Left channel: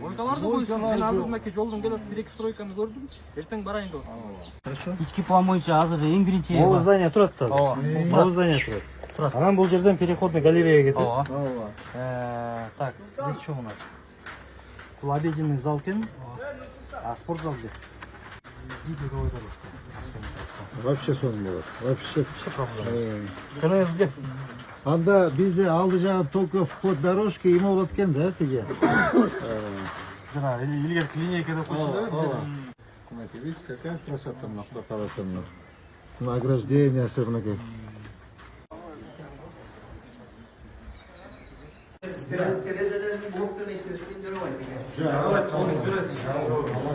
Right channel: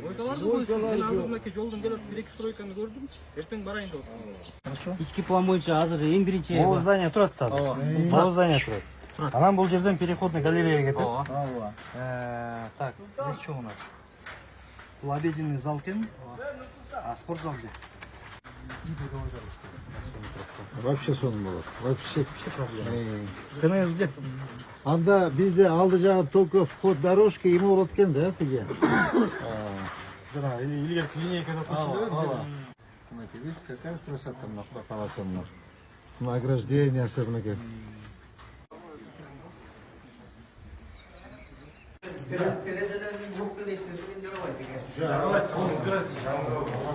Мойкаларды койсун. Мен азыр мынакей жолдон келип 1-2 стройканы көрдүм. Эртең барайын деп атам. Хорошо. Ички план боюнча азыр эң биринчи Могу здание турат да. Могу здание турат. Анан бул жерден переходный галерея кетет. Так, бир чоң у нас. Бул обеденный зал экен. А спортзал где? Вообще сонун болот. Вообще. Көнүңүз где? Анда бизде алды жагы только вход дорожки эме болот экен да, тиги. Жана илгерки линейка деп койсуңдар. Мынакей, видите, какая красота мына каласа мына. Награждениясы мынакей.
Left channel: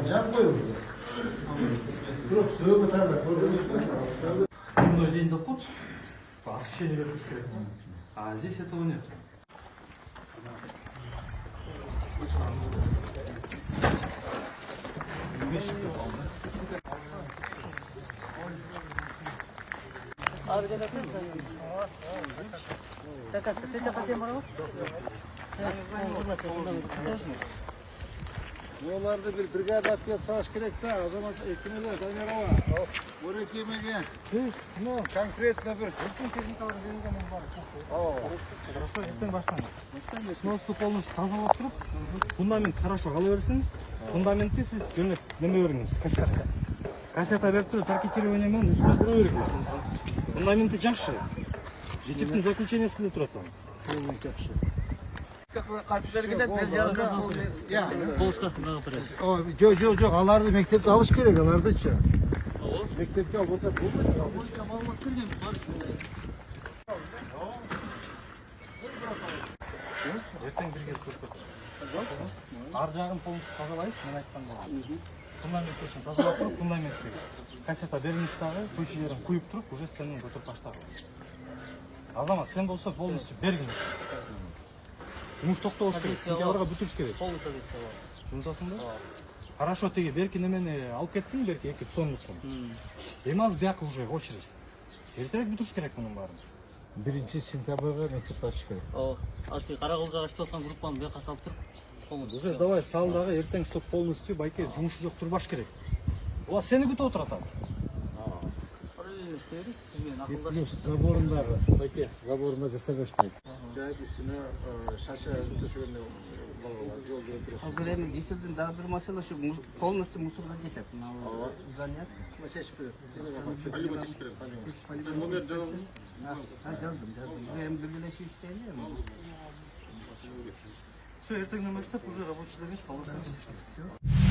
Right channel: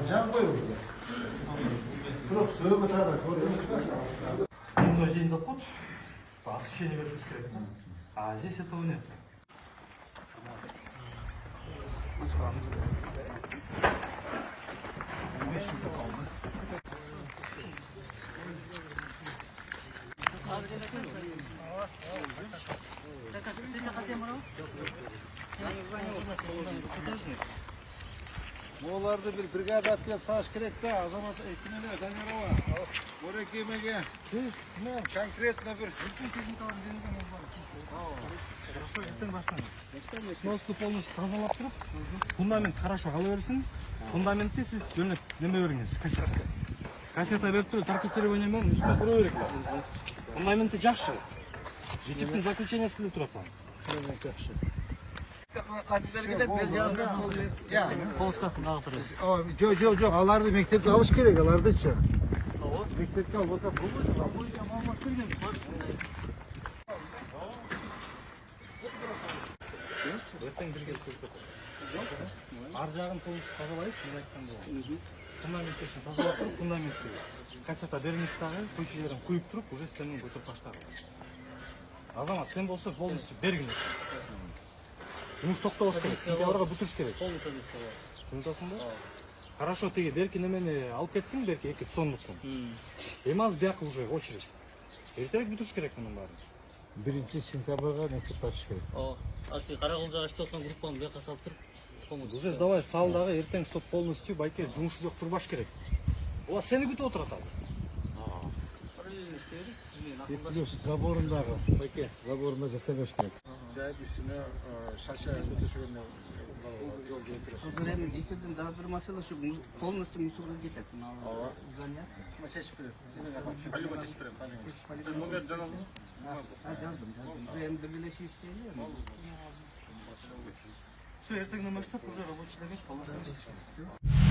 Жан коюлду. Бирок сөөгө тада көрдүңүзбү? Мындай день доход. Освещение бериш керек. А здесь этого нет. Оларды bir бригада алып келип саш керек да, азамат экимелер Дайнарова. Орек эмеге. Конкретно bir Сносты полностью тазалап туруп, фундамент хорошо кала берсин. Фундаментти сиз жөнөп неме бериңиз, кассета. Кассета берип туруп, таркетирование менен үстүнө кура бериңиз. Фундаменти жакшы. Есептин заключениясында турат ал. жакшы. полоскасын кагып турат. Жок, аларды мектепте алыш керек, алардычы. Мектепте ал болсо болбойт. Маалымат бергенбиз бар. Эртең бирге көрсөтөм. Ар жагын полностью тазалайсыз, мен айткандай. Фундамент үчүн тазалап туруп, фундаментти кассета бермейсиз дагы, көчөлөрүн куюп туруп, уже сенин көтөрүп таштагыз. Азамат, сен болсо полностью бергин. Жумуш токтолуш керек, сентябрга бүтүрүш керек. Полностью адреса бар. Жумшасыңбы? Хорошо, теги берки немени алып кеттиң, берки 2 сомдуктан. Эми азыр бияка уже очередь. Эртерээк бүтүрүш керек мунун баарын. 1-сентябрга мектеп ачыш керек. Асты Караколжого ачып аткан группаны бияка салып туруп, полностью. Уже давай сал дагы, эртең чтоб полностью байке жумушу жок турбаш керек. Була сени күтүп отурат азыр. И плюс заборындагы, байке, заборунда жасабаш керек. Жайып үстүнө шача төшөгөндө жол жүрүп турат. Азыр эми десүүдүн дагы бир маселе ушу полностью мусорго кетет. Мына зданиясы. Чечип берет. Полюбо чечип берем. Номер жаздым. Жаздым. Эми биргелешип иштейли эми. Все, эртеңден баштап уже рабочий эмес, полноценный иштеш керек.